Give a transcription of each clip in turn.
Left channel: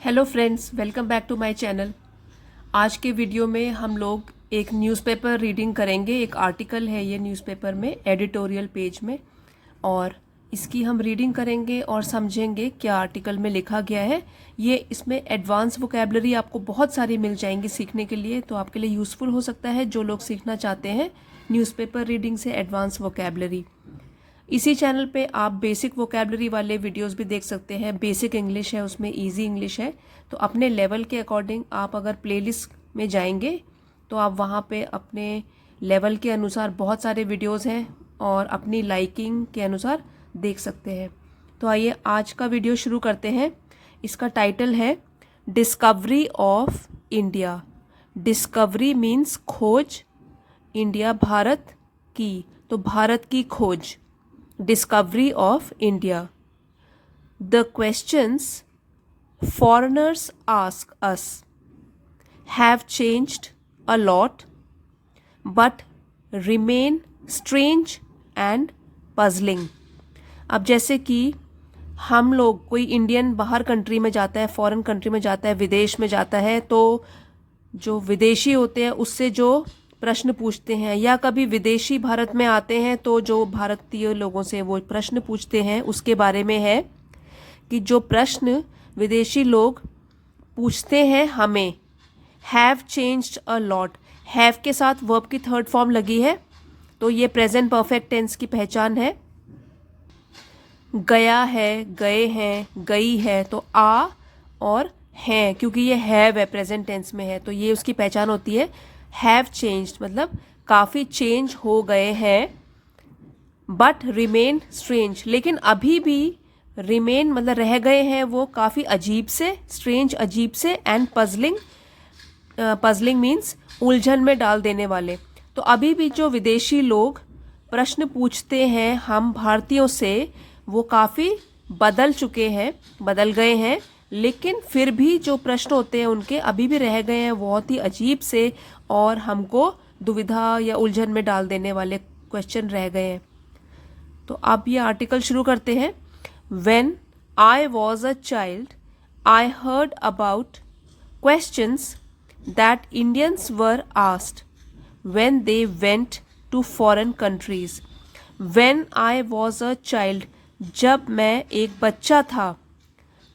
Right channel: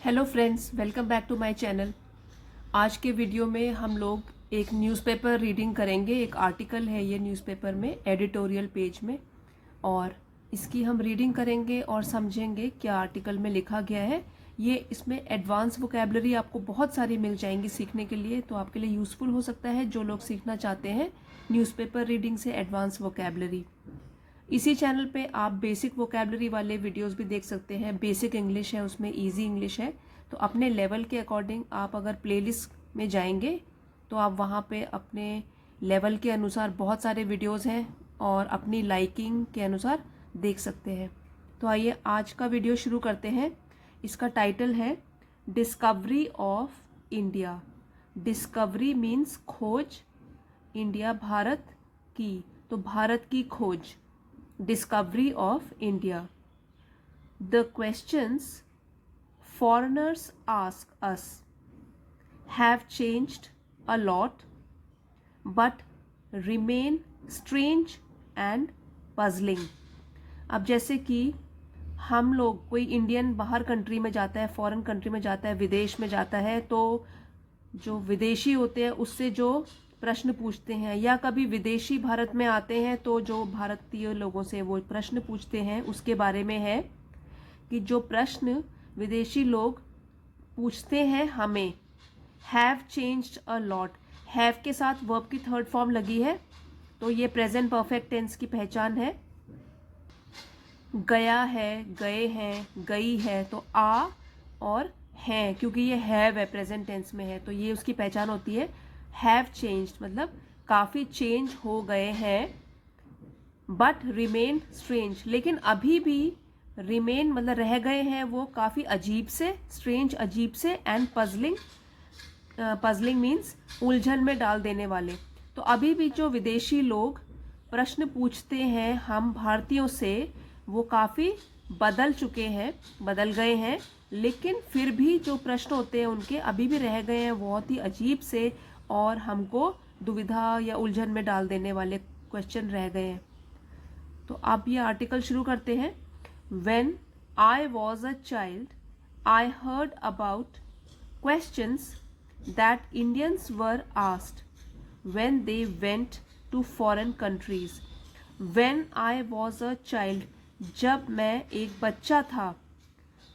Hello friends, welcome back to my channel. आज के video में हम लोग एक न्यूज़पेपर रीडिंग करेंगे। एक आर्टिकल है ये न्यूज़पेपर में, एडिटोरियल पेज में, और इसकी हम रीडिंग करेंगे और समझेंगे क्या आर्टिकल में लिखा गया है। ये इसमें एडवांस वोकैबुलरी आपको बहुत सारी मिल जाएंगी सीखने के लिए, तो आपके लिए यूज़फुल हो सकता है जो लोग सीखना चाहते हैं न्यूज़पेपर रीडिंग से एडवांस वोकैबुलरी। इसी चैनल पे आप बेसिक वोकैबुलरी वाले वीडियोस भी देख सकते हैं। बेसिक इंग्लिश है, उसमें इजी इंग्लिश है। तो अपने लेवल के अकॉर्डिंग आप अगर प्लेलिस्ट में जाएंगे तो आप वहाँ पे अपने लेवल के अनुसार बहुत सारे वीडियोस हैं और अपनी लाइकिंग के अनुसार देख सकते हैं। तो आइए आज का वीडियो शुरू करते हैं। इसका टाइटल है discovery of India. Discovery means खोज, इंडिया भारत की, तो भारत की खोज। Discovery of India. The questions foreigners ask us have changed a lot but remain strange and puzzling. अब जैसे कि हम लोग, कोई इंडियन बाहर कंट्री में जाता है, फॉरेन कंट्री में जाता है, विदेश में जाता है, तो जो विदेशी होते हैं उससे जो प्रश्न पूछते हैं, या कभी विदेशी भारत में आते हैं तो जो भारतीय लोगों से वो प्रश्न पूछते हैं, उसके बारे में है कि जो प्रश्न विदेशी लोग पूछते हैं हमें, have changed a lot. Have के साथ वर्ब की थर्ड फॉर्म लगी है, तो ये प्रेजेंट परफेक्ट टेंस की पहचान है। गया है, गए हैं, गई है, तो आ और हैं, क्योंकि ये हैव है, प्रेजेंट टेंस में है, तो ये उसकी पहचान होती है। हैव चेंज्ड मतलब काफ़ी चेंज हो गए हैं। बट रिमेन स्ट्रेंज, लेकिन अभी भी रिमेन मतलब रह गए हैं वो काफ़ी अजीब से, स्ट्रेंज अजीब से, एंड पजलिंग, पजलिंग मीन्स उलझन में डाल देने वाले। तो अभी भी जो विदेशी लोग प्रश्न पूछते हैं हम भारतीयों से, वो काफ़ी बदल चुके हैं, बदल गए हैं, लेकिन फिर भी जो प्रश्न होते हैं उनके अभी भी रह गए हैं, बहुत ही अजीब से और हमको दुविधा या उलझन में डाल देने वाले क्वेश्चन रह गए हैं। तो अब ये आर्टिकल शुरू करते हैं। When I was a child, I heard about questions that Indians were asked when they went to foreign countries. When I was a child, जब मैं एक बच्चा था,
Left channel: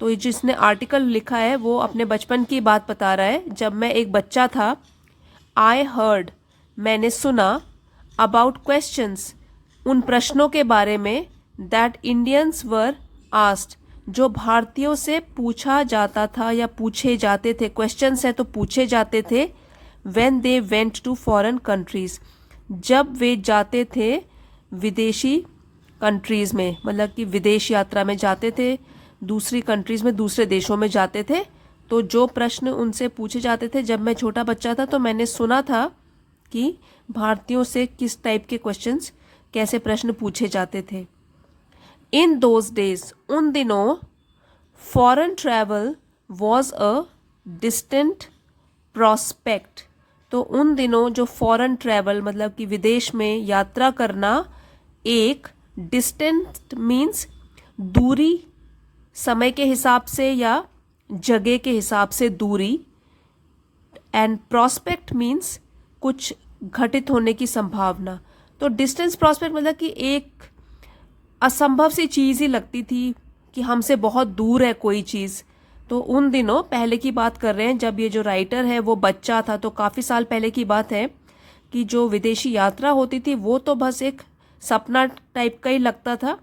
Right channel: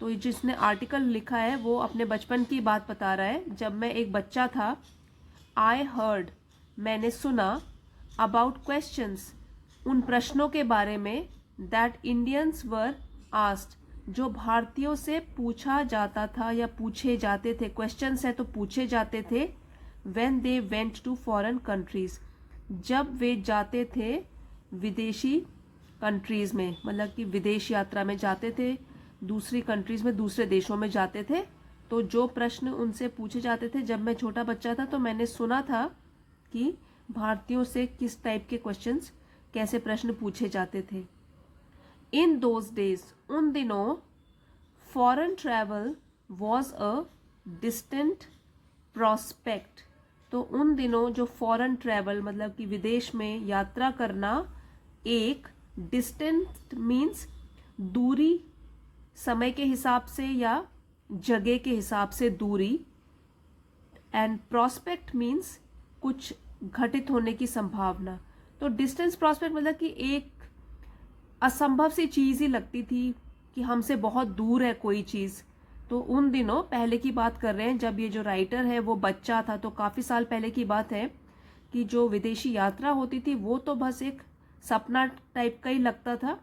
तो ये जिसने आर्टिकल लिखा है वो अपने बचपन की बात बता रहा है। जब मैं एक बच्चा था, आई हर्ड मैंने सुना, अबाउट क्वेश्चंस उन प्रश्नों के बारे में, दैट इंडियंस वर आस्क्ड जो भारतीयों से पूछा जाता था या पूछे जाते थे। क्वेश्चंस है तो पूछे जाते थे। When they went to foreign countries, जब वे जाते थे विदेशी कंट्रीज में, मतलब कि विदेश यात्रा में जाते थे, दूसरी कंट्रीज में, दूसरे देशों में जाते थे। तो जो प्रश्न उनसे पूछे जाते थे जब मैं छोटा बच्चा था, तो मैंने सुना था कि भारतीयों से किस टाइप के क्वेश्चंस, कैसे प्रश्न पूछे जाते थे। इन दोज डेज, उन दिनों, foreign travel was a distant prospect. तो उन दिनों जो फॉरेन ट्रैवल मतलब कि विदेश में यात्रा करना एक डिस्टेंट मीन्स दूरी, समय के हिसाब से या जगह के हिसाब से दूरी, एंड प्रॉस्पेक्ट मीन्स कुछ घटित होने की संभावना। तो डिस्टेंस प्रॉस्पेक्ट मतलब कि एक असंभव सी चीज़ ही लगती थी कि हमसे बहुत दूर है कोई चीज़। तो उन दिनों, पहले की बात कर रहे हैं जब ये जो राइटर है वो बच्चा था, तो काफ़ी साल पहले की बात है, कि जो विदेशी यात्रा होती थी वो तो बस एक सपना टाइप का ही लगता था,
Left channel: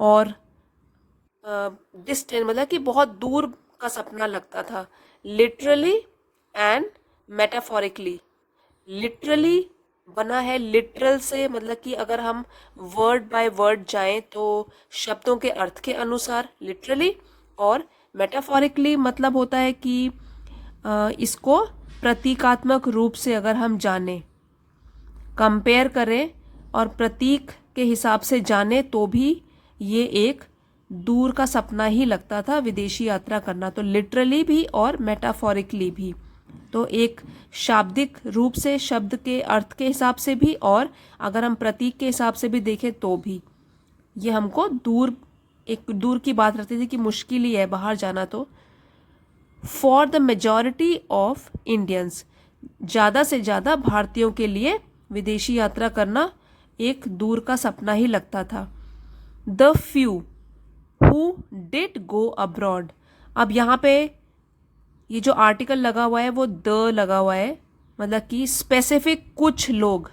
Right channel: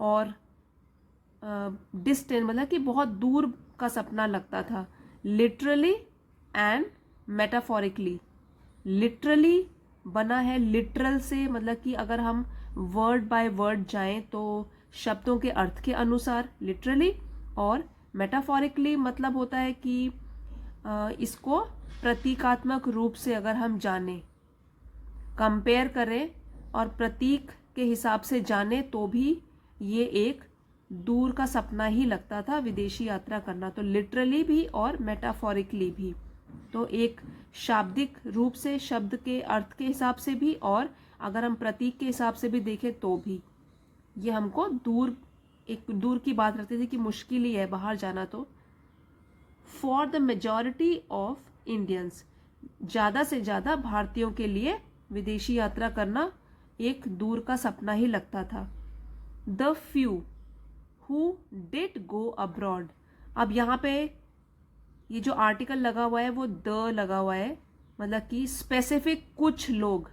और डिस्टेंट मतलब कि बहुत दूर का सपना लगता था। लिटरली एंड मेटाफोरिकली, लिटरली बना है लिटरल से, मतलब कि अगर हम वर्ड बाय वर्ड जाएं तो शब्दों के अर्थ के अनुसार लिटरली, और मेटाफोरिकली मतलब होता है कि इसको प्रतीकात्मक रूप से अगर हम जानें, कंपेयर करें और प्रतीक के हिसाब से जाने, तो भी ये एक दूर का सपना ही लगता था विदेशी यात्रा करना। तो लिटरली भी और मेटाफोरिकली भी, तो एक शाब्दिक रूप से, शब्द के अर्थ के हिसाब से भी, और अगर हम प्रतीक के हिसाब से भी देखें तो भी ये हमको दूर, एक दूर की बात रहती थी कि मुश्किल ही है बाहर जाना। तो for the majority of Indians, ज़्यादा से ज़्यादा भारतीयों के लिए विदेशी यात्रा करना एक दूर का सपना ही लगता था। The few who did go abroad, अब यहाँ पे ये जो आर्टिकल लगा हुआ है वो द लगा हुआ है, मतलब कि स्पेसिफिक कुछ लोग,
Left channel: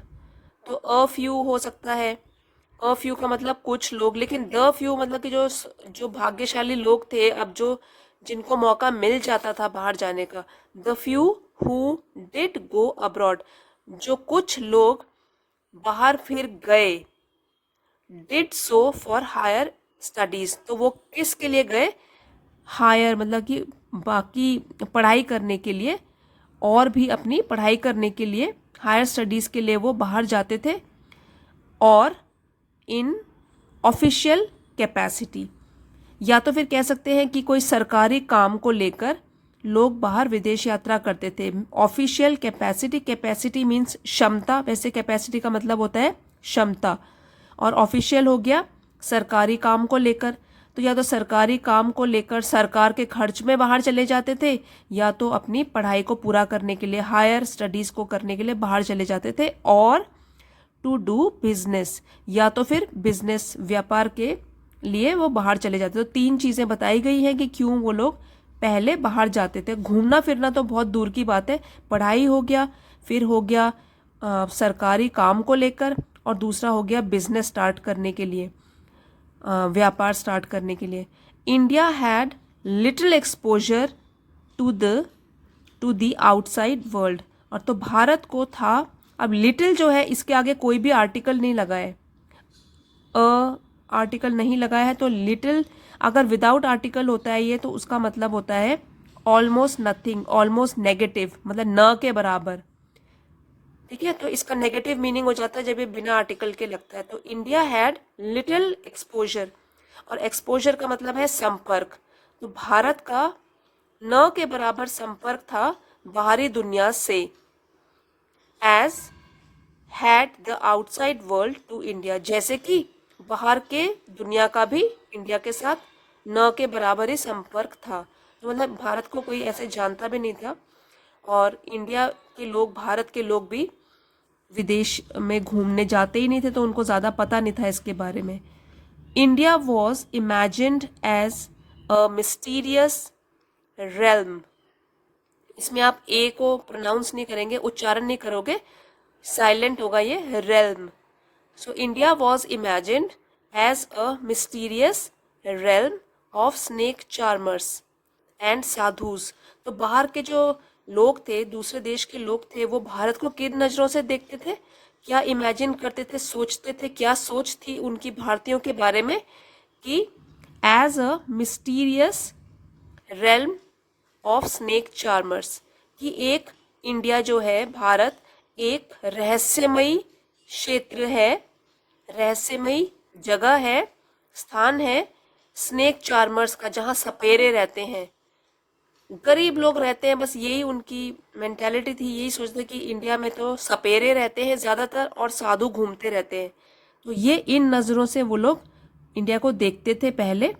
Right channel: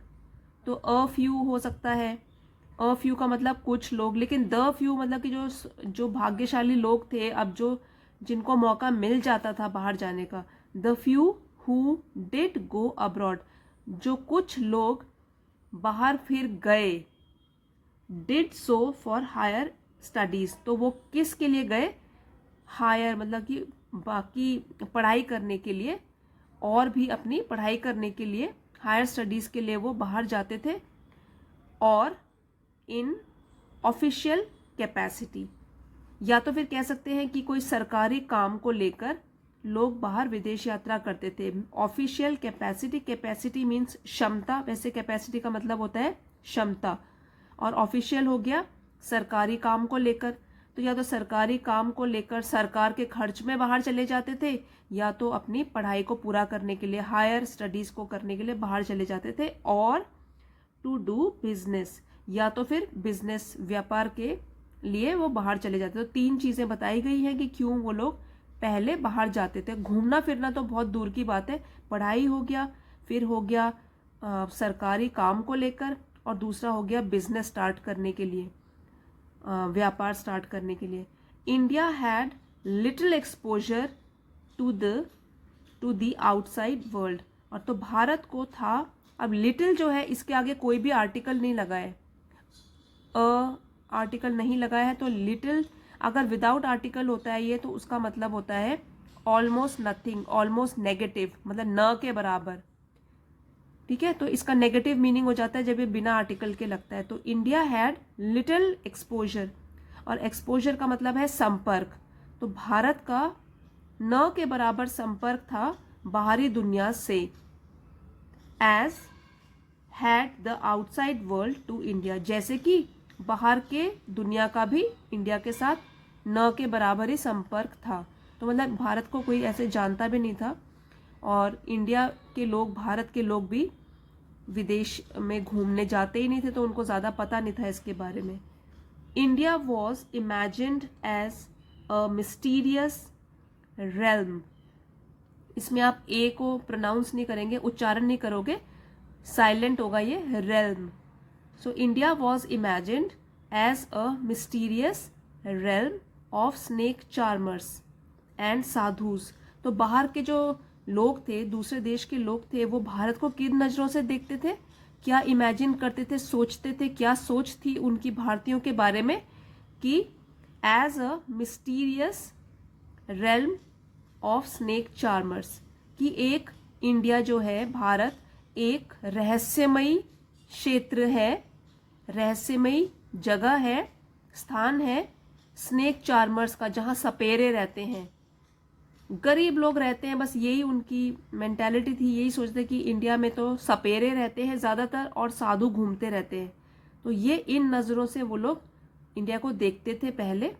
तो अ फ्यू हो सकता है, अ फ्यू का मतलब कुछ लोग, लेकिन द फ्यू मतलब कि जो भाग्यशाली लोग थे, अब जो जिनको मौका मिल जाता था बाहर जाने का, the few who did go abroad, जो कुछ लोग बाहर फिर गए, did so for higher studies, तो वो किस के लिए गए, हायर मतलब कि बाकी पढ़ाई करने के लिए, और भी अपनी पढ़ाई करने के लिए, हायर स्टडीज़ के लिए वो बाहर जाते थे, और इन ऑफिशियल कैपेसिटी, या तो फिर कह सकते हैं कि कोई सरकारी काम को लेकर लोग बाहर विदेश यात्रा करते थे। ऑफिशियल कैपेसिटी, कैपेसिटी मीन्स क्षमता, वैसे कैपेसिटी का मतलब होता है क्षमता, और ऑफिशियल हो गया सरकारी काम को लेकर, तो या तो सरकारी काम को लेकर सरकार के खर्च में बाहर चले जाते थे, या तो अपनी पढ़ाई को पूरा करने के लिए, हायर स्टडीज़ को करने के लिए बाहर चले जाते थे, और टू डू बिजनेस, या तो फिर बिजनेस व्यापार के लिए वो बाहर चले जाते थे। तो 3 चीज़ें बताई गई हैं कि क्यों वो लोग पहले बाहर जाते थे। घूमना फिरना तो बहुत दूर की बात है, पढ़ाई हो गया, फिर हो गया सरकारी काम को लेकर, और दूसरा हो गया बिजनेस स्टार्ट करने के लिए, व्यापार स्टार्ट करने के लिए। India had little exposure to the outside world, और तो भारत को था, अब लिटिल जो है इसके आगे कोई भी आर्टिकल नहीं लगा है, आर्टिकल नहीं लगाया है, तो लिटिल अगर विदाउट आर्टिकल होता है ये, तो उसका मतलब होता है ऑलमोस्ट नथिंग, ऑलमोस्ट नेगेटिव, मतलब न के बराबर, ठीक है। तो इसका नेगेटिव मीनिंग हो जाता है जब ये बिना आर्टिकल के लगता है। तो इंडिया हैड लिटिल एक्सपोजर, और एक्सपोजर का मतलब है संपर्क, तो भारत का न के बराबर संपर्क था बाहरी दुनिया से, as had the outside world to India, जैसे कि बाहर के दुनिया का भी इंडिया के साथ न के बराबर ही संपर्क था। तो मतलब भारत को कोई ऐसे जानता भी नहीं था, और इंडिया के लोग, भारत के लोग भी विदेश में घूमने जाते ही नहीं थे, तो उनको ज़्यादा पता नहीं था इसके बारे में। India was imagined as a mysterious realm, इसमें आप ए को प्रोनाउंस नहीं करेंगे, उच्चारण नहीं करोगे, साइलेंट होगा ये, realm. So India was imagined as a mysterious realm of snake charmers and sadhus, तो बाहर के जो लोग थे, दूसरे देश के लोग थे, वो भारत को किन नज़रों से देखते थे, क्या इमेजिन करते थे, सोचते थे, क्या सोच थी उनकी भारतीयों के बारे में, कि as a mysterious realm of snake charmers, कि एक इंडिया जो है, भारत एक रहस्यमयी क्षेत्र है, रहस्यमयी जगह है, स्थान है स्नेक चार्मर्स का, जहाँ सपेरे रहते हैं, गरीब लोग रहते हैं, बस यही उनकी मेंटालिटी थी, यही सोचते कि इंडिया में तो सपेरे रहते हैं ज़्यादातर और साधु घूमते रहते हैं, तो ये इन नज़रों से वो लोग इंडिया को देखते थे पहले।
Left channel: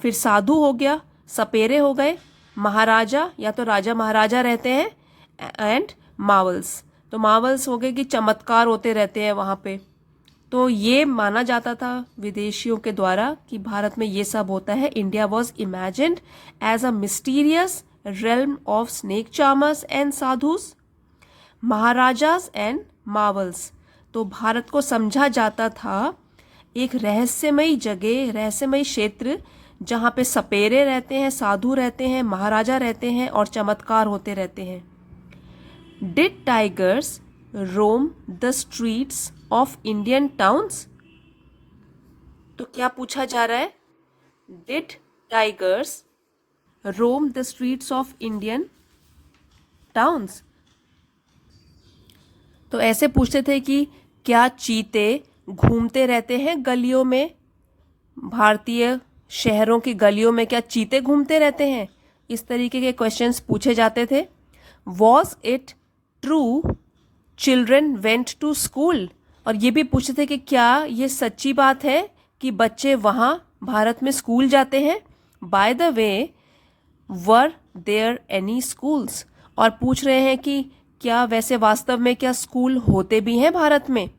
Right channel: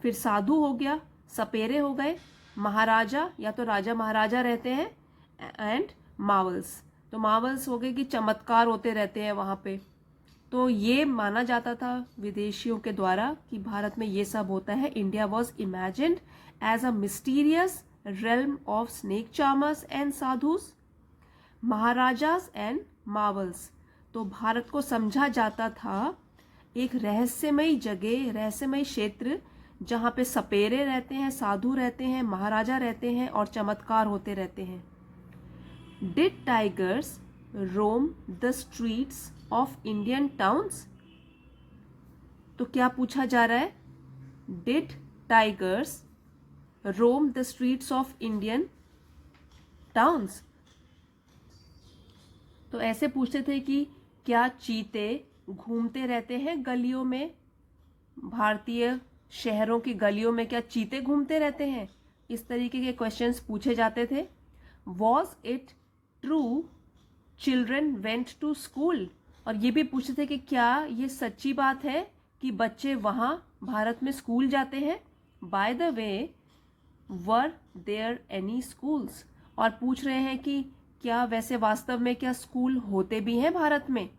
फिर साधु हो गया, सपेरे हो गए, महाराजा या तो राजा महाराजा रहते हैं, एंड मावल्स, तो मावल्स हो गए कि चमत्कार होते रहते हैं वहाँ पे। तो ये माना जाता था विदेशियों के द्वारा कि भारत में ये सब होता है। India was imagined as a mysterious realm of snake charmers and sadhus, maharajas and marvels, तो भारत को समझा जाता था एक रहस्यमयी जगह, रहस्यमयी क्षेत्र, जहाँ पे सपेरे रहते हैं, साधु रहते हैं, महाराजा रहते हैं और चमत्कार होते रहते हैं। Did tigers Rome the streets of Indian towns, तो क्या पूछा जा रहा है, did tigers Rome the streets of Indian towns, तो ऐसे पूछते थे कि क्या चीते घूमते रहते हैं गलियों में, भारतीय शहरों की गलियों में क्या चीते घूमते रहते हैं, इस तरीके के क्वेश्चंस पूछे जाते थे। Was it true children went to school, और ये भी पूछते थे कि क्या ये सच्ची बात है कि बच्चे वहाँ भारत में स्कूल जाते हैं। By the way were there any schools, और पूछ रहे हैं कि क्या वैसे वास्तव में क्या स्कूल होते भी हैं भारत में।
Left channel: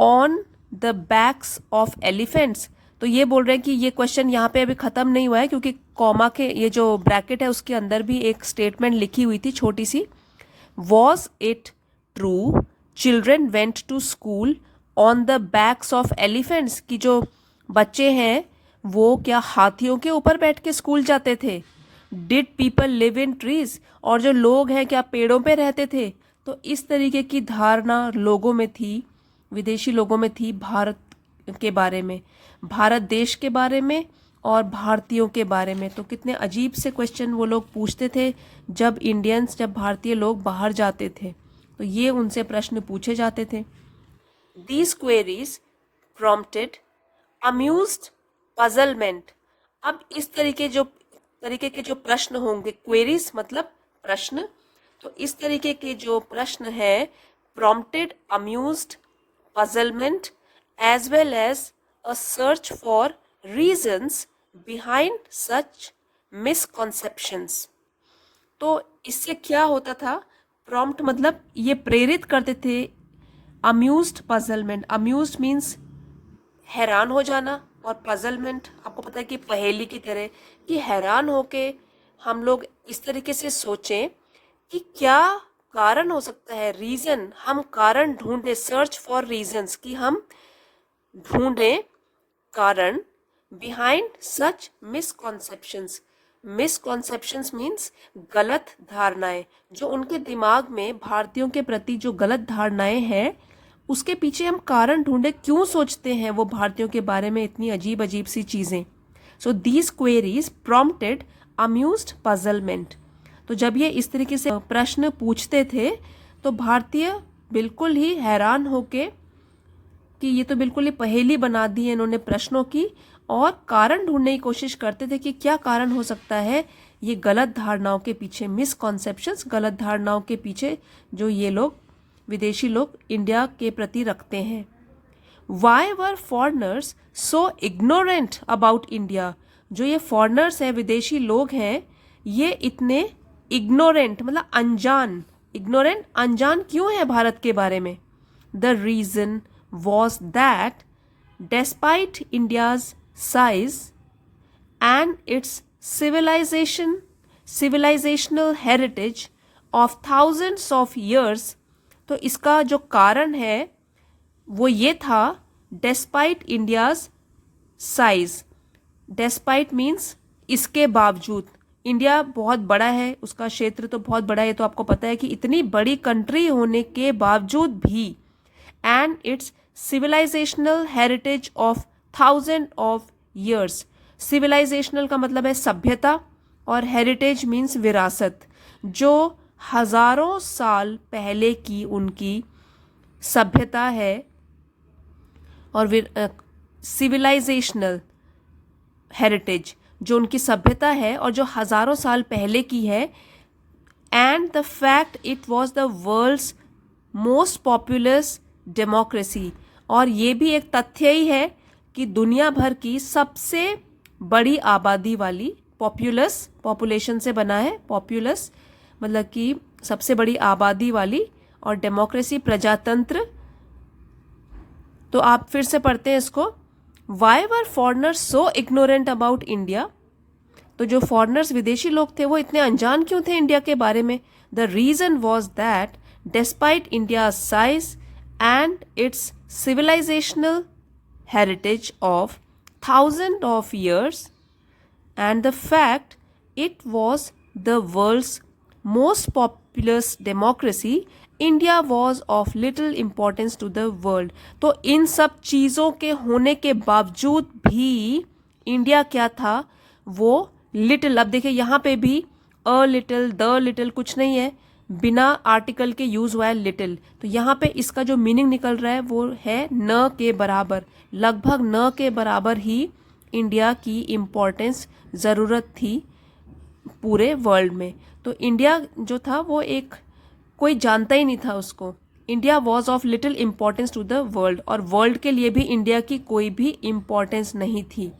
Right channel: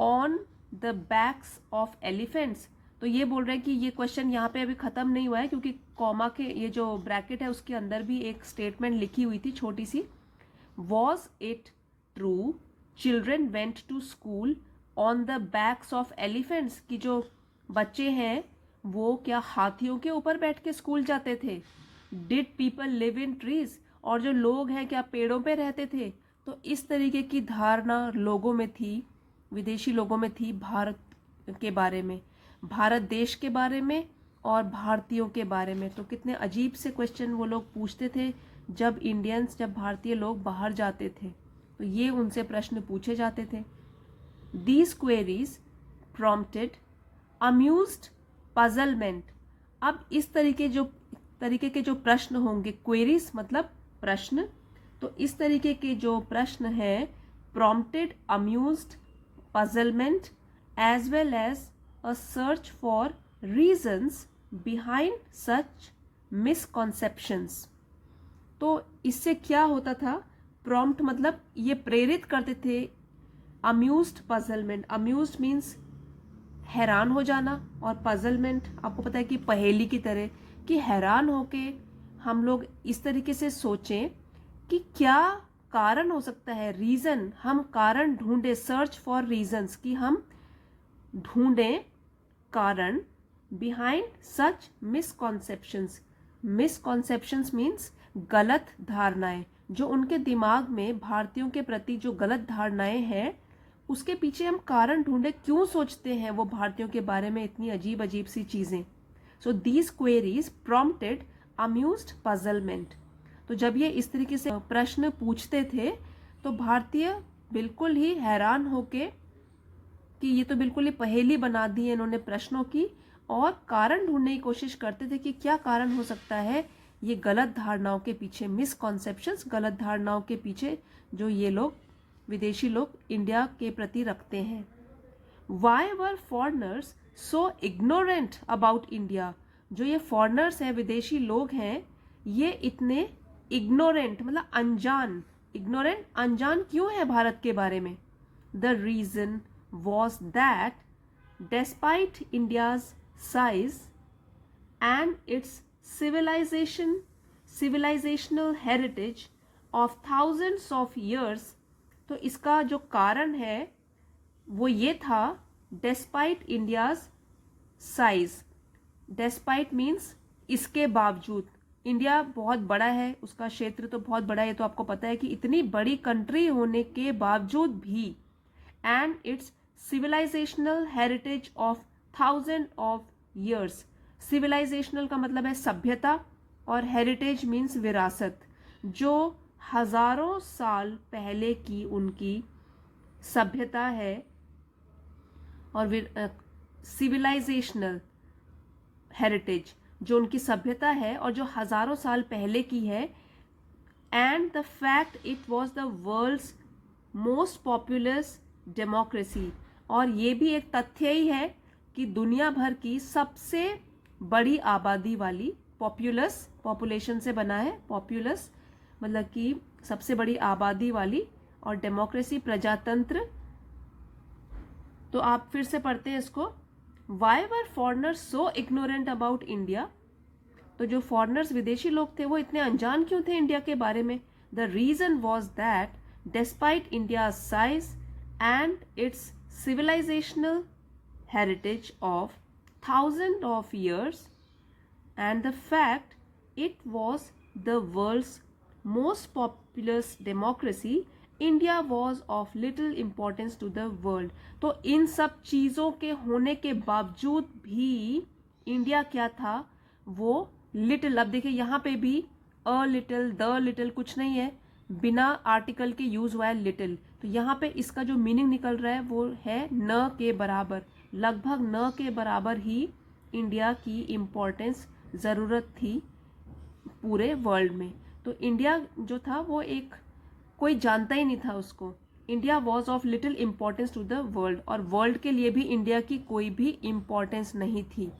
On the backs of elephants, तो ये बोल रहे हैं कि ये क्वेश्चन यहाँ पे अभी ख़त्म नहीं हुआ है, क्योंकि कॉमा के ये जो ब्रैकेट है उसके अंदर भी एक स्टेटमेंट लिखी हुई थी छोटी सी। Was it true children went to school on the backs of elephants, कि जो बच्चे हैं वो क्या हाथियों के ऊपर बैठ के स्कूल जाते थे। Did people live in trees, और जो लोग हैं क्या पेड़ों पे रहते थे। तो इस तरीके की धारणा लोगों में थी, विदेशी लोगों में थी भारत के बारे में, भारत देश के बारे में और भारतीयों के बारे में। तो कितने अजीब से क्वेश्चन वो लोग पूछते थे जब जब भारतीय लोग बाहर जाते थे, तो ये उनसे प्रश्न पूछे जाते थे। These queries prompted amused puzzlement। अब इस तरीके के जो प्रश्न होंगे, क्वेरीज मतलब प्रश्न, तो इस तरीके के जो प्रश्न है prompted amused puzzlement as well as a search for reasons behind such misconceptions। तो इससे क्या होता था, प्रॉम्प्ट मतलब ये प्रेरित करते थे। अम्यूज्ड पजलमेंट, अम्यूज्ड मीन्स हैरान हो जाना, और पजलमेंट आपको पता है कि पहेली की तरह, कि हैरान होके हम लोग इस तरीके से सोचें कि क्या कारण हो सकता है, रीज़न, हम कारण ढूंढे, सर्च फॉर रीजंस, कि हम ढूंढें कारण बिहाइंड सच मिसकॉन्सेप्शंस। मिसकॉन्सेप्शंस मीन्स गलत धारणाएं, जो उनके दिमाग में भारतीयों के प्रति जो गलत धारणाएं हैं उसके पीछे हम कारण ढूंढे, क्यों सोचते हैं वो भारतीयों के बारे में इतनी अजीब अजीब सी चीज़ें। So these queries prompted amused puzzlement. तो जब ये इस तरीके से प्रश्न पूछते थे तो भारतीय बिल्कुल ही हैरान होके कि ये तो बिल्कुल ही पहेली बना दी है इन्होंने प्रश्नों की, और कारण ढूंढने की कोशिश करते थे कि क्या कारण हो सकता है ये गलत धारणाओं के पीछे, मिसकॉन्सेप्शंस, गलत धारणाओं के पीछे जो ये लोग विदेशी लोग इंडिया के प्रति रखते हैं। Why were foreigners so ignorant about India, जो ये फॉरनर्स हैं, विदेशी लोग हैं, ये इतने इग्नोरेंट मतलब अनजान, इग्नोरेंट अनजान क्यों है भारत के बारे में। The reason was that despite India's size and its civilizational heritage of thousands of years, तो इसका जो कारण है वो ये था, despite India's size, despite means इसके बावजूद, इंडिया बहुत बड़ा है, उसका क्षेत्र तो बहुत बड़ा है, तो आपको पता है कि इतनी बड़ी कंट्री होने के बावजूद भी, and it's civilisational heritage of 1000 of years. Civilisational का मतलब है सभ्यता, और हेरिटेज मीन्स विरासत, जो हजारों साल पहले की उनकी सभ्यता है, और सिविलाइजेशनल हेरिटेज जो उनकी सभ्यता है और जो हजारों साल पहले की है। And the fact it was the world's most populous democracy, और ये भी एक तथ्य ही है कि दुनिया भर की सबसे बड़ी आबादी वाली, पॉपुलस पॉपुलेशन से बना है, पॉपुलस मतलब कि सबसे बड़ी आबादी वाली, और डेमोक्रेसी प्रजातंत्र। तो आप फिर से पढ़ते हैं इसको। Why were foreigners so ignorant about India, तो जो फॉरनर्स विदेशी लोग थे वो इतने अनजान क्यों थे इंडिया के बारे में। The reason was that despite India size and its civilizational heritage of thousands of years and the fact it was the world's most populous democracy, India was of little importance to the world। तो इन सब चीज़ों के होने के बावजूद भी India क्या था, वो लिटिल, अब देखिए यहाँ पे भी अ लिटिल, द लिटिल कुछ नहीं है, बिना आर्टिकल के यूज हुआ है लिटिल। तो यहाँ पे इसका जो मीनिंग निकल रहा है वो है न के बराबर, लगभग न के बराबर ही इंडिया की इम्पोर्टेंस, ज़रूरत थी पूरे वर्ल्ड में। तो इंडिया जो था वो एक कोई जानता ही नहीं था उसको। India was of little importance to the world, और वर्ल्ड के लिए भी इंडिया की कोई भी इम्पोर्टेंस नहीं थी।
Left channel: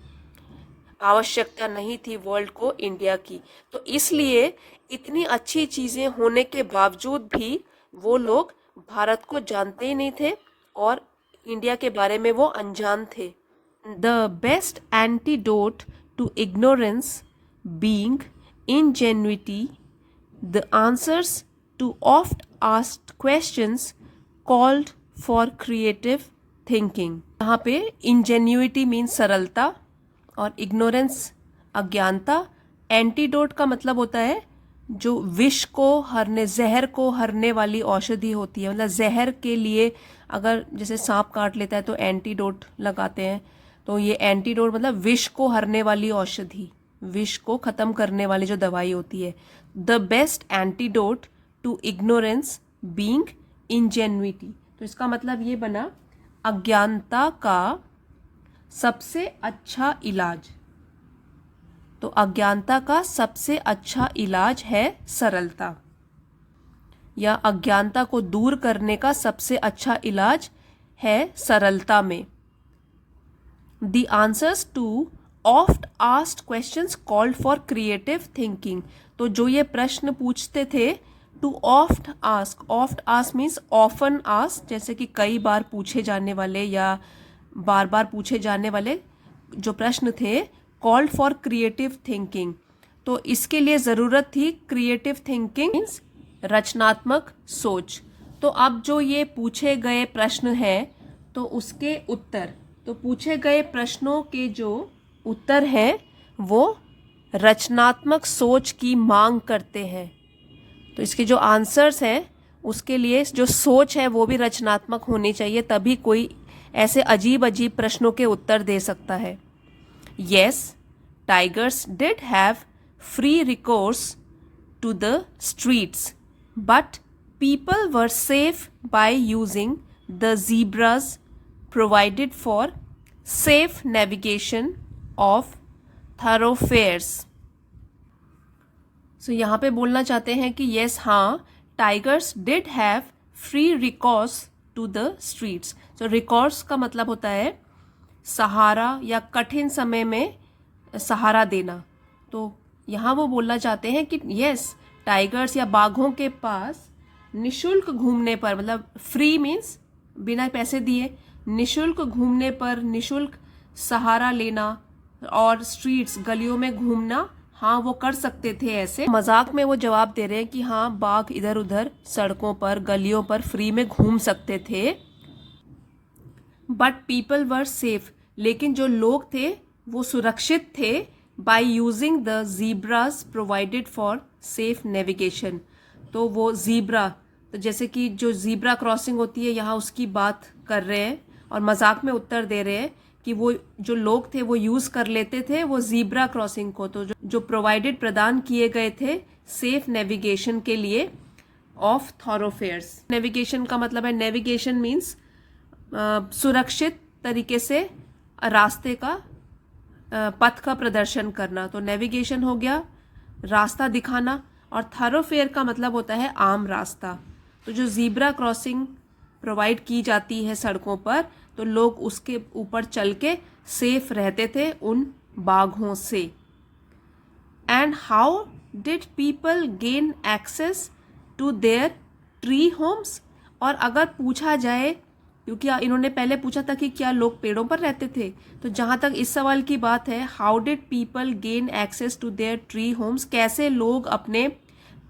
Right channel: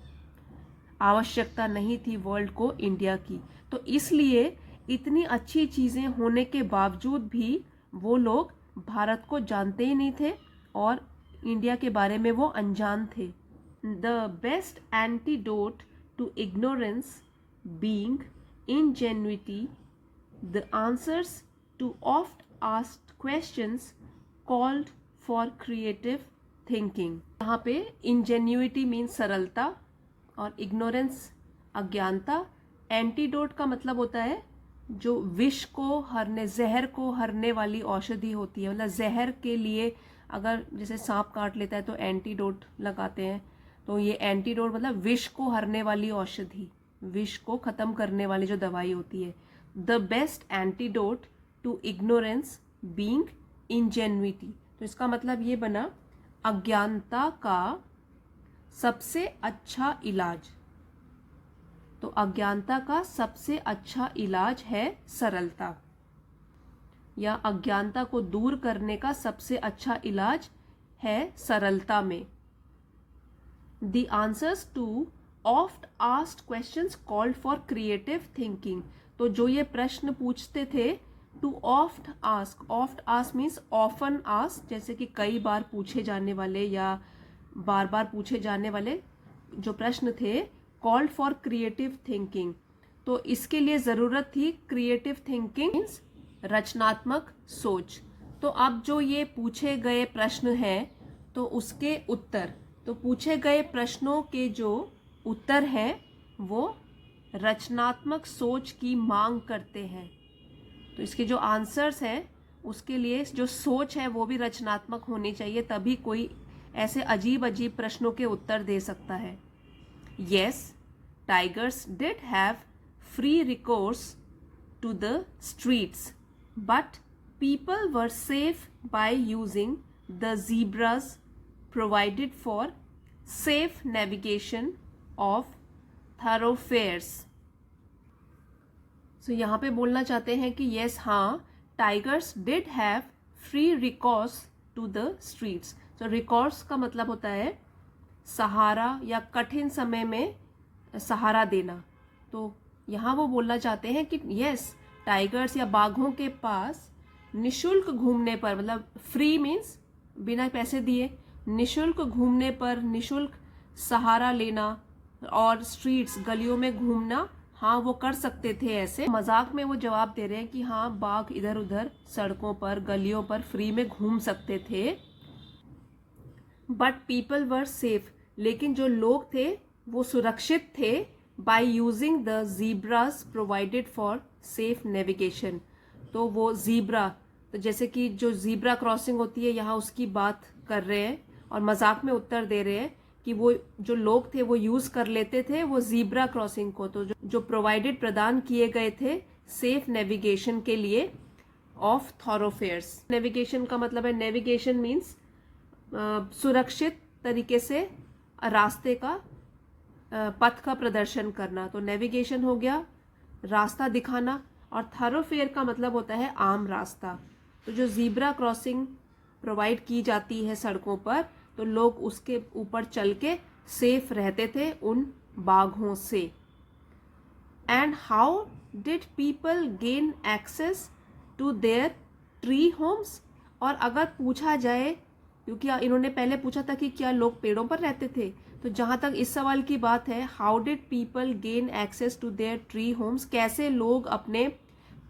आवश्यकता नहीं थी वर्ल्ड को इंडिया की। तो इसलिए इतनी अच्छी चीज़ें होने के बावजूद भी वो लोग भारत को जानते ही नहीं थे और इंडिया के बारे में वो अनजान थे। The best antidote to ignorance being ingenuity, the answers to oft asked questions called for creative thinking। यहाँ पे ingenuity means सरलता और ignorance अज्ञानता। एंटीडोट का मतलब होता है जो विष को हरने, जहर को हरने वाली औषधि होती है। मतलब जहर के लिए अगर जैसे सांप काट लेता है तो एंटीडोट लगाते हैं, तो ये एंटीडोट मतलब विष को हरने वाली औषधि, विष को खत्म करने वाली जो दवाई होती है। The best antidote to ignorance being ingenuity, तो इसका मतलब ये बना अज्ञानता का सबसे अच्छा इलाज। तो अज्ञानता का सबसे अच्छा इलाज है सरलता, या अज्ञानता को दूर करने का सबसे अच्छा इलाज है सरलता में। The answers to oft asked questions called for creative thinking, तो जो ये प्रश्न पूछते थे, to oft ask means often ask, जैसे कि कई बार पूछे जाने वाले या बार बार पूछे जाने वाले जो प्रश्न थे, कॉल्ड फॉर क्रिएटिव थिंकिंग। तो इसके लिए ज़रूरत थी क्रिएटिव थिंकिंग मीन्स रचनात्मक सोच। तो अब जो ये पूछे गए प्रश्न हैं तो उसके उत्तर, तो पूछे गए प्रश्नों के जो उत्तर है वो रचनात्मक सोच की मांग करते हैं। तो इसके जो आंसर्स हैं उसके लिए जो सोच है वो भी रचनात्मक होनी चाहिए, तभी कोई ऐसे अजीब अजीब प्रश्नों के उत्तर दे सकता है। Yes, tigers did have free recourse to the streets, but people were safe by using the zebras provided for safe navigation of thoroughfares। So यहाँ पे बोलना चाहते हैं कि yes, हाँ, tigers did have free recourse to the streets। So recourse का मतलब होता है सहारा या कठिन समय में सहारा देना। तो यहाँ वो बोलना चाहते हैं कि यस, टाइगर्स या बाघों के पास निशुल्क घूमने पर, मतलब फ्री मीन्स बिना पैसे दिए, निशुल्क घूमने पर, निशुल्क सहारा लेना और स्ट्रीट्स गलियों में घूमना, हाँ वो कर सकते थे। ऐसे मजाक में वो जवाब दे रहे हैं कि हाँ बाघ इधर उधर सड़कों पर गलियों पर फ्री में घूम सकते थे। बट पीपल वर सेफ, लेकिन जो लोग थे वो सुरक्षित थे, by using the zebras provided for safe navigation. तो वो जीब्रा, तो जैसे कि जो जीब्रा क्रॉसिंग होती है यहाँ उसकी बात कर रहे हैं और मजाक में उत्तर दे रहे हैं कि वो जो लोग थे वो यूज कर लेते थे वो जीब्रा क्रॉसिंग को, तो जो प्रोवाइडेड प्रदान किए गए थे सेफ नेविगेशन के लिए ऑफ थॉरोफेयर्स। नेविगेशन का मतलब है, नेविगेशन मीन्स सुरक्षित तरीके से रास्ते का पथ का प्रदर्शन करना। तो नेविगेशन हो गया रास्ता दिखाना, और थॉरोफेयर का मतलब होता है आम रास्ता। तो जो जीब्रा क्रॉसिंग प्रोवाइड की जाती है सड़कों पर, तो लोग उसके ऊपर चल के सेफ रहते थे उन बाघों से। And how did people gain access to their tree homes, और अगर पूछा जाए, क्योंकि इन्होंने पहले पूछा था कि क्या लोग पेड़ों पर रहते थे, तो जहाँ तक इस सवाल की बात है, how did people gain access to their tree homes, कैसे लोग अपने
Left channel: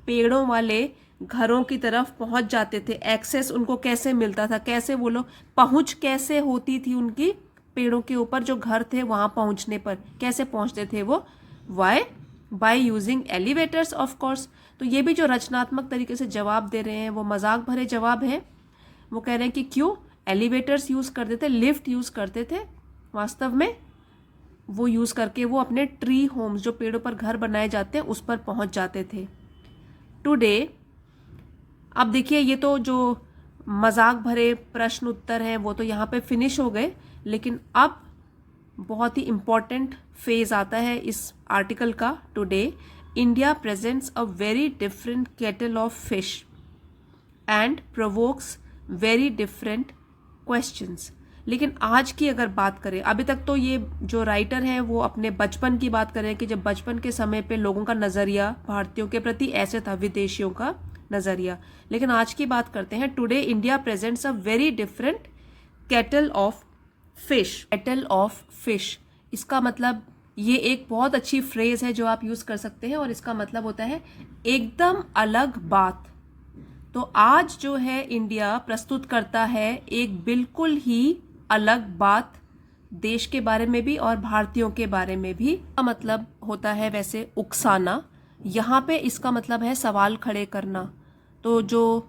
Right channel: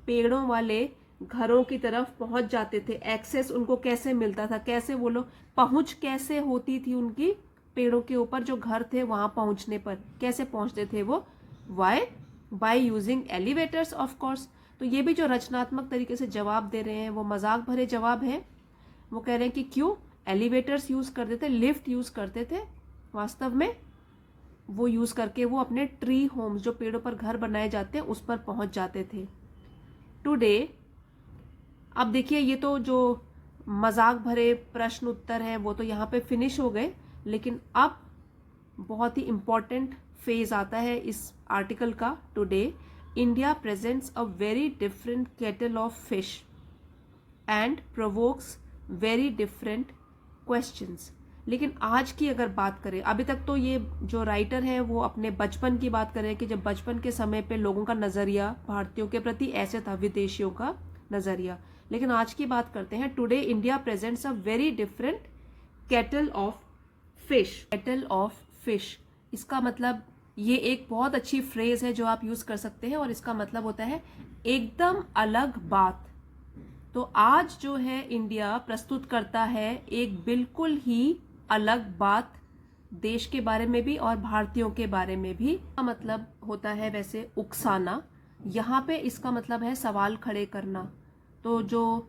पेड़ों वाले घरों की तरफ पहुंच जाते थे, एक्सेस उनको कैसे मिलता था, कैसे वो लोग पहुंच कैसे होती थी उनकी पेड़ों के ऊपर जो घर थे वहां पहुंचने पर कैसे पहुंचते थे वो, why by using elevators of course. तो ये भी जो रचनात्मक तरीके से जवाब दे रहे हैं वो मजाक भरे जवाब हैं। वो कह रहे हैं कि क्यों एलिवेटर्स यूज करते थे, लिफ्ट यूज करते थे, वास्तव में वो यूज करके वो अपने ट्री होम्स जो पेड़ों पर घर बनाए जाते हैं उस पर पहुंच जाते थे। टुडे, अब देखिए ये तो जो मजाक भरे प्रश्न उत्तर हैं वो तो यहाँ पे फिनिश हो गए, लेकिन अब बहुत ही इम्पॉर्टेंट फेज आता है इस आर्टिकल का। Today India presents a very different kettle of fish and provokes very different questions. लेकिन आज की अगर बात करें, अभी तक तो ये जो राइटर है वो अपने बचपन की बात कर रहे हैं कि जब बचपन के समय पे लोगों का नज़रिया भारतीयों के प्रति ऐसे था, विदेशियों का नज़रिया। लेकिन आज की बात करते हैं, today India presents a very different kettle of fish. Kettle of fish, इसका मतलब, ये एक बहुत अच्छी फ्रेज है जो आप यूज़ कर सकते हैं, और इसका मतलब होता है एकदम अलग बात। तो आज जो है इंडिया प्रस्तुत करता है एक बिल्कुल ही अलग बात, देश के बारे में भी और भारतीयों के बारे में भी। इसका मतलब होता है वैसे उकसाना, यहाँ पे इसका मतलब है सवाल खड़े करना। तो जो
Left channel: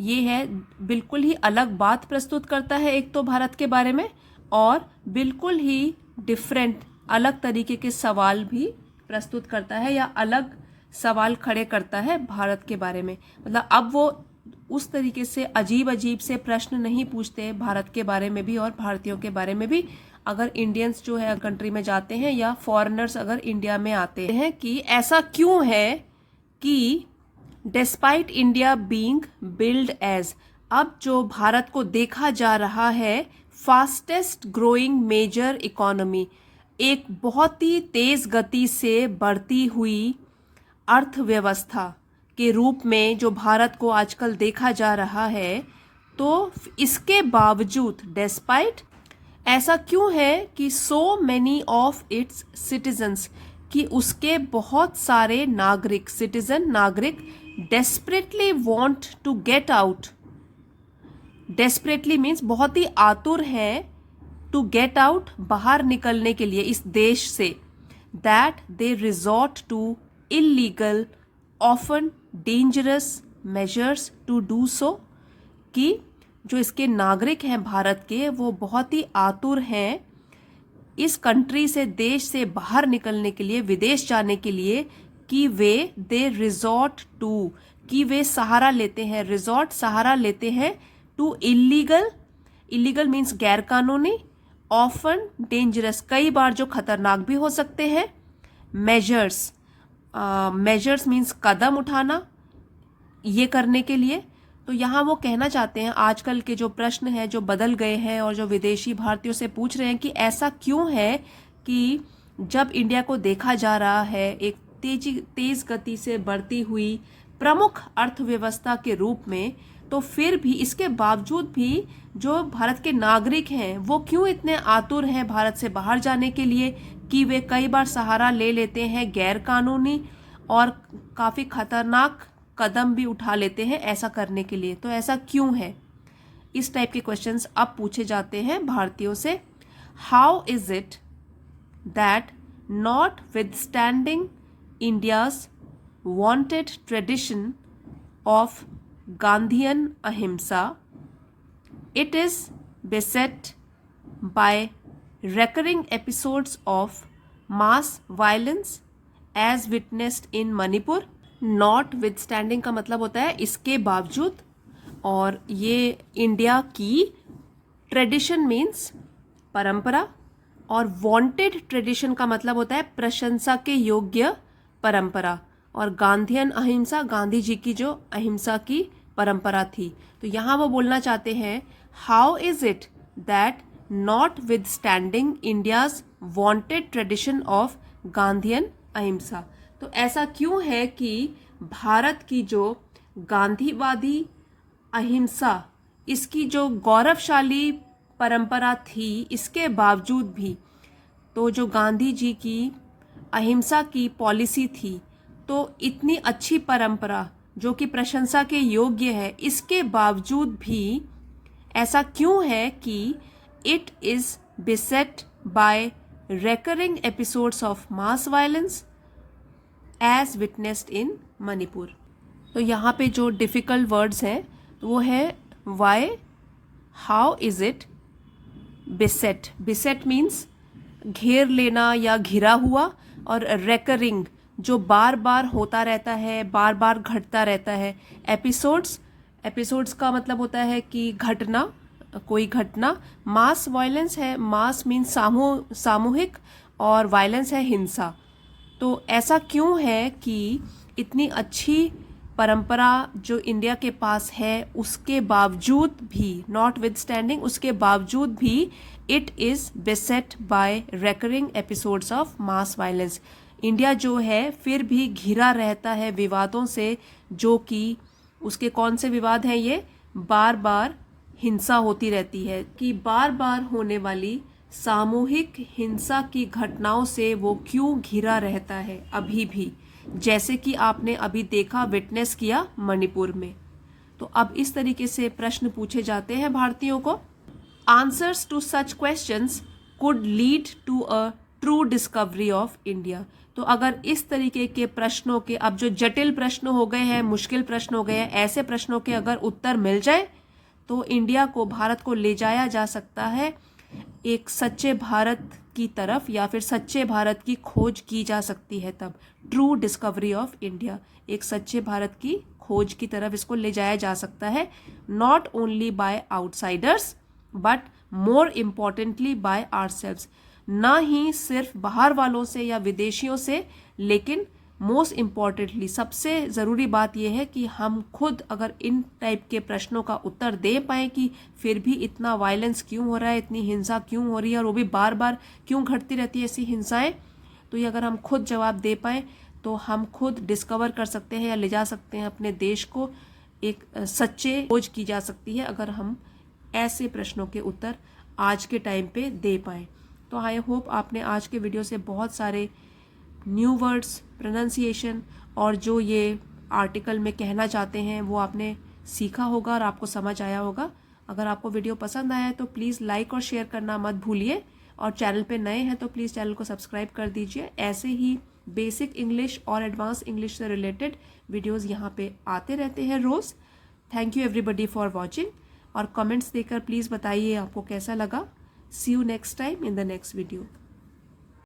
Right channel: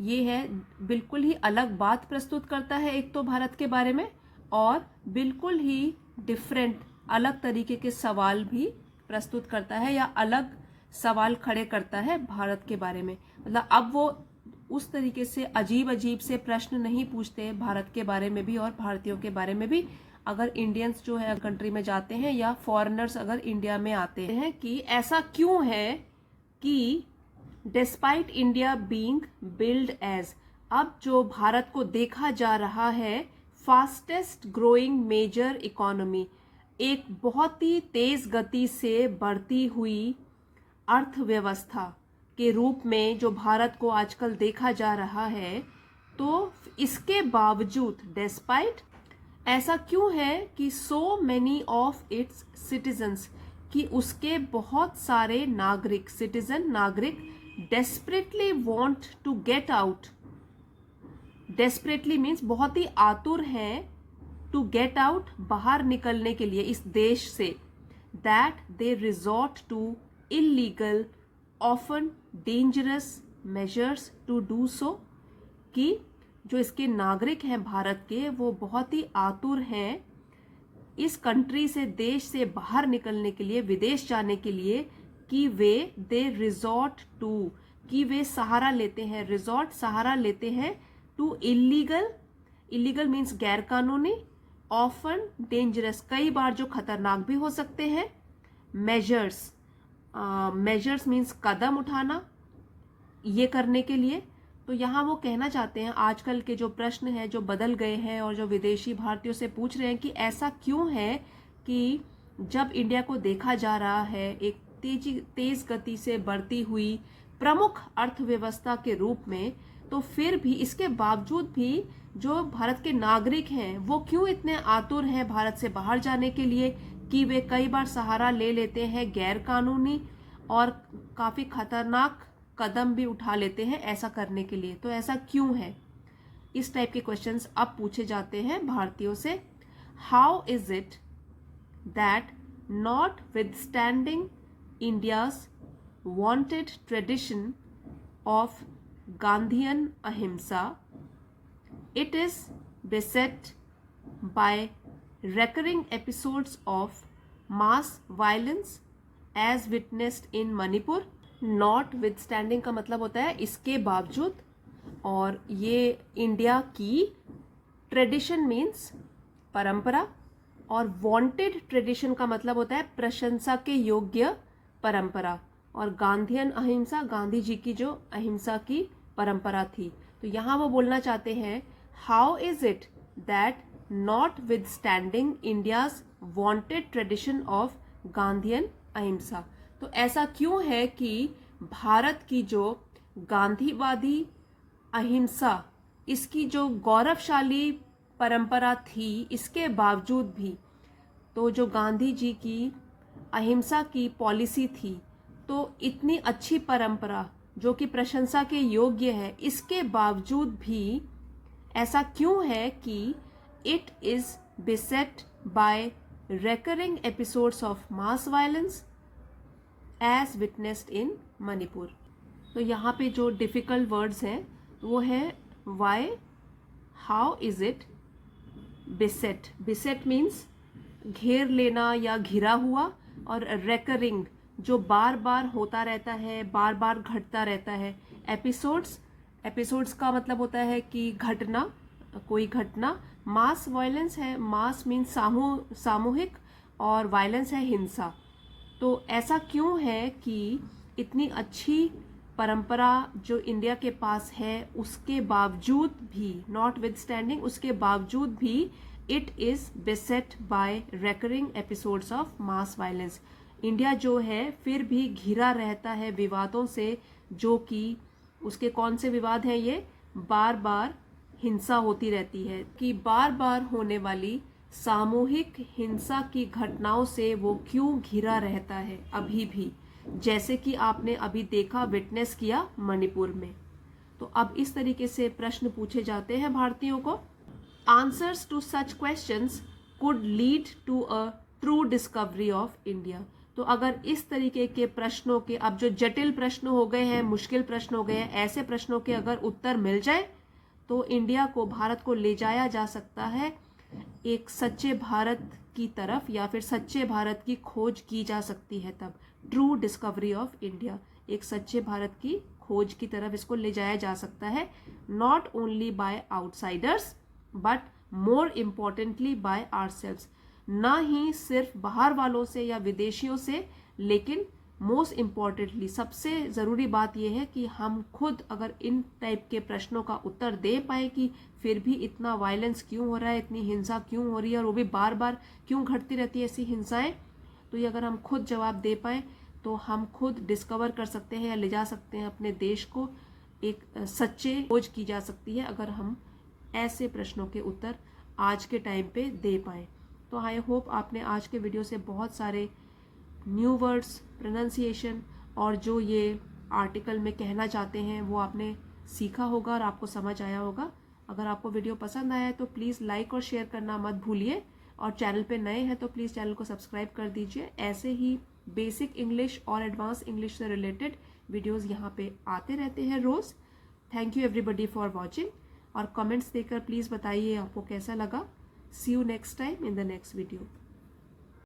ये है बिल्कुल ही अलग बात प्रस्तुत करता है, एक तो भारत के बारे में, और बिल्कुल ही डिफरेंट अलग तरीके के सवाल भी प्रस्तुत करता है, या अलग सवाल खड़े करता है भारत के बारे में। मतलब अब वो उस तरीके से अजीब अजीब से प्रश्न नहीं पूछते भारत के बारे में भी और भारतीयों के बारे में भी, अगर इंडियंस जो है कंट्री में जाते हैं या फॉरेनर्स अगर इंडिया में आते हैं, कि ऐसा क्यों है कि despite India being build as, अब जो भारत को देखा जा रहा है फास्टेस्ट ग्रोइंग मेजर इकोनॉमी, एक बहुत ही तेज गति से बढ़ती हुई अर्थव्यवस्था के रूप में जो भारत को आजकल देखा जा रहा है, तो इसके बावजूद डिस्पाइट ऐसा क्यों है कि so many of its citizens, कि उसके बहुत सारे नागरिक, सिटीजन नागरिक, desperately want to get out. Desperately means बहुत ही आतुर है, टू गेट आउट बाहर निकलने के लिए इस देश से, that they resort to illegal often dangerous measures to do so, कि जो इसके नागरिक हैं भारत के, वो बहुत ही आतुर हैं इस कंट्री से, देश से बाहर निकलने के लिए, विदेश जाने के लिए, कि वे दे रिजॉर्ट टू, कि वे सहारा लेते हैं, रिजॉर्ट सहारा लेते हैं, टू इलीगल, इलीगल मीन्स गैर कानूनी, ऑफन डेंजरस कई बार जो खतरनाक भी हो सकते हैं, मेजर्स, मेजर्स मीन्स कदम उठाना ये करने के लिए। तो यहाँ वो कहना चाहते हैं आजकल के जो प्रश्न हैं जो बदल गए हैं और जो विदेशी भारतीयों से पूछ रहे हैं कि ऐसा क्यों है कि जब इंडिया को देखा जा रहा है एक तेज गति से बढ़ती हुई प्रमुख अर्थव्यवस्था के रूप में, तो फिर भी इसके बावजूद भी जो भारत के नागरिक हैं वो क्यों इतने आतुर हैं भारत से बाहर जाने के लिए, कि वे कई बार सहारा ले लेते हैं गैर कानूनी और काफ़ी खतरनाक कदम भी उठा लेते हैं ऐसा करने के लिए। तो ऐसा क्यों है, इस टाइप के क्वेश्चंस अब पूछे जाते हैं भारतीयों से। How is it that not withstanding India's wanted tradition of Gandhian अहिंसा, it is beset by recurring episodes of mass violence as witnessed in Manipur। notwithstanding का मतलब होता है इसके बावजूद, और ये इंडिया की ट्रेडिशन मीन्स परंपरा, और वांटेड ट्रेडिशन का मतलब होता है प्रशंसा के योग्य परंपरा, और गांधीयन अहिंसा गांधी जी की जो अहिंसा की परंपरा थी। तो यहाँ वो बोलना चाहते हैं how is it that not withstanding India's wanted tradition of Gandhian अहिंसा, तो ऐसा क्यों है कि भारत की जो गांधीवादी अहिंसा, इसकी जो गौरवशाली परंपरा थी, इसके बावजूद भी, तो जो गांधी जी की अहिंसा की पॉलिसी थी, तो इतनी अच्छी परंपरा जो कि प्रशंसा के योग्य है, इसके बावजूद भी ऐसा क्यों है कि it is beset by recurring episodes of mass violence as witnessed in Manipur। तो यहाँ पे जो डिफ़िकल्ट वर्ड्स हैं वो है why, how is it, beset, beset means घेर लेना या घिरा हुआ, और recurring जो बार बार होता रहता है, बार बार घटता रहता है। एपिसोड्स, एपिसोड्स का मतलब होता है कि घटना, कोई घटना। मास वायलेंस है, मास मीन्स सामूहिक, और वायलेंस है हिंसा। तो ऐसा क्यों है कि इतनी अच्छी परंपरा जो इंडिया के पास है उसके बावजूद भी, नॉट विदस्टैंडिंग, उसके बावजूद भी it is beset by recurring episodes of mass violence. India जो है फिर भी घिरा रहता है विवादों से, जो कि उसके कौन से विवाद हैं ये, बार बार हिंसा होती रहती है, कि बार बार होने वाली सामूहिक हिंसा की घटनाओं से वो क्यों घिरा रहता है अभी भी, जैसे कि आपने अभी देखा, विटनेस किया मणिपुर में। तो अब इस तरीके से प्रश्न पूछे जाते हैं भारतीयों को। Answers to such questions could lead to a true discovery of India. तो अगर इस तरीके के प्रश्नों के, अब जो जटिल प्रश्न हो गए हैं, मुश्किल प्रश्न हो गए हैं, ऐसे प्रश्नों के अगर उत्तर मिल जाए तो इंडिया को, भारत को ले जाया जा सकता है एक सच्चे भारत की तरफ, या फिर सच्चे भारत की खोज की जा सकती है। तब ट्रू डिस्कवरी ऑफ इंडिया, एक सच्चे भारत की खोज की तरफ इसको ले जाया जा सकता है, not only by outsiders but more importantly by ourselves. ना ही सिर्फ बाहर वालों से या विदेशियों से, लेकिन मोस्ट इम्पॉर्टेंटली सबसे ज़रूरी बात यह है कि हम खुद अगर इन टाइप के प्रश्नों का उत्तर दे पाएँ कि फिर भी इतना वायलेंस क्यों हो रहा है, इतनी हिंसा क्यों हो रही है, और वो भी बार बार क्यों घटती रहती है ऐसी हिंसाएं, तो ये अगर हम खुद जवाब दे पाएँ तो हम खुद डिस्कवर कर सकते हैं या ले जा सकते हैं अपने देश को, एक सच्चे खोज की जा सकती है अगर हम ऐसे प्रश्नों के उत्तर आज के टाइम पे दे पाएँ। तो आई होप आपने आज के वीडियो से बहुत सारे न्यू वर्ड्स, प्रोनाउंसिएशन और जो ये आर्टिकल में कहना चाहते हैं वो आपने सीखा होगा और आपको समझ आया होगा। अगर आपको वीडियो पसंद आया है तो प्लीज़ लाइक और शेयर करना मत भूलिए, और चैनल पे नए हैं तो प्लीज़ चैनल को सब्सक्राइब कर दीजिए। ऐसे ही बेसिक इंग्लिश और एडवांस इंग्लिश से रिलेटेड वीडियोज़ यहाँ पे आते रहते हैं रोज़। Thank you everybody for watching, और कमेंट्स देकर प्लीज़ बताइए आपको कैसा लगा। See you next time in the next video.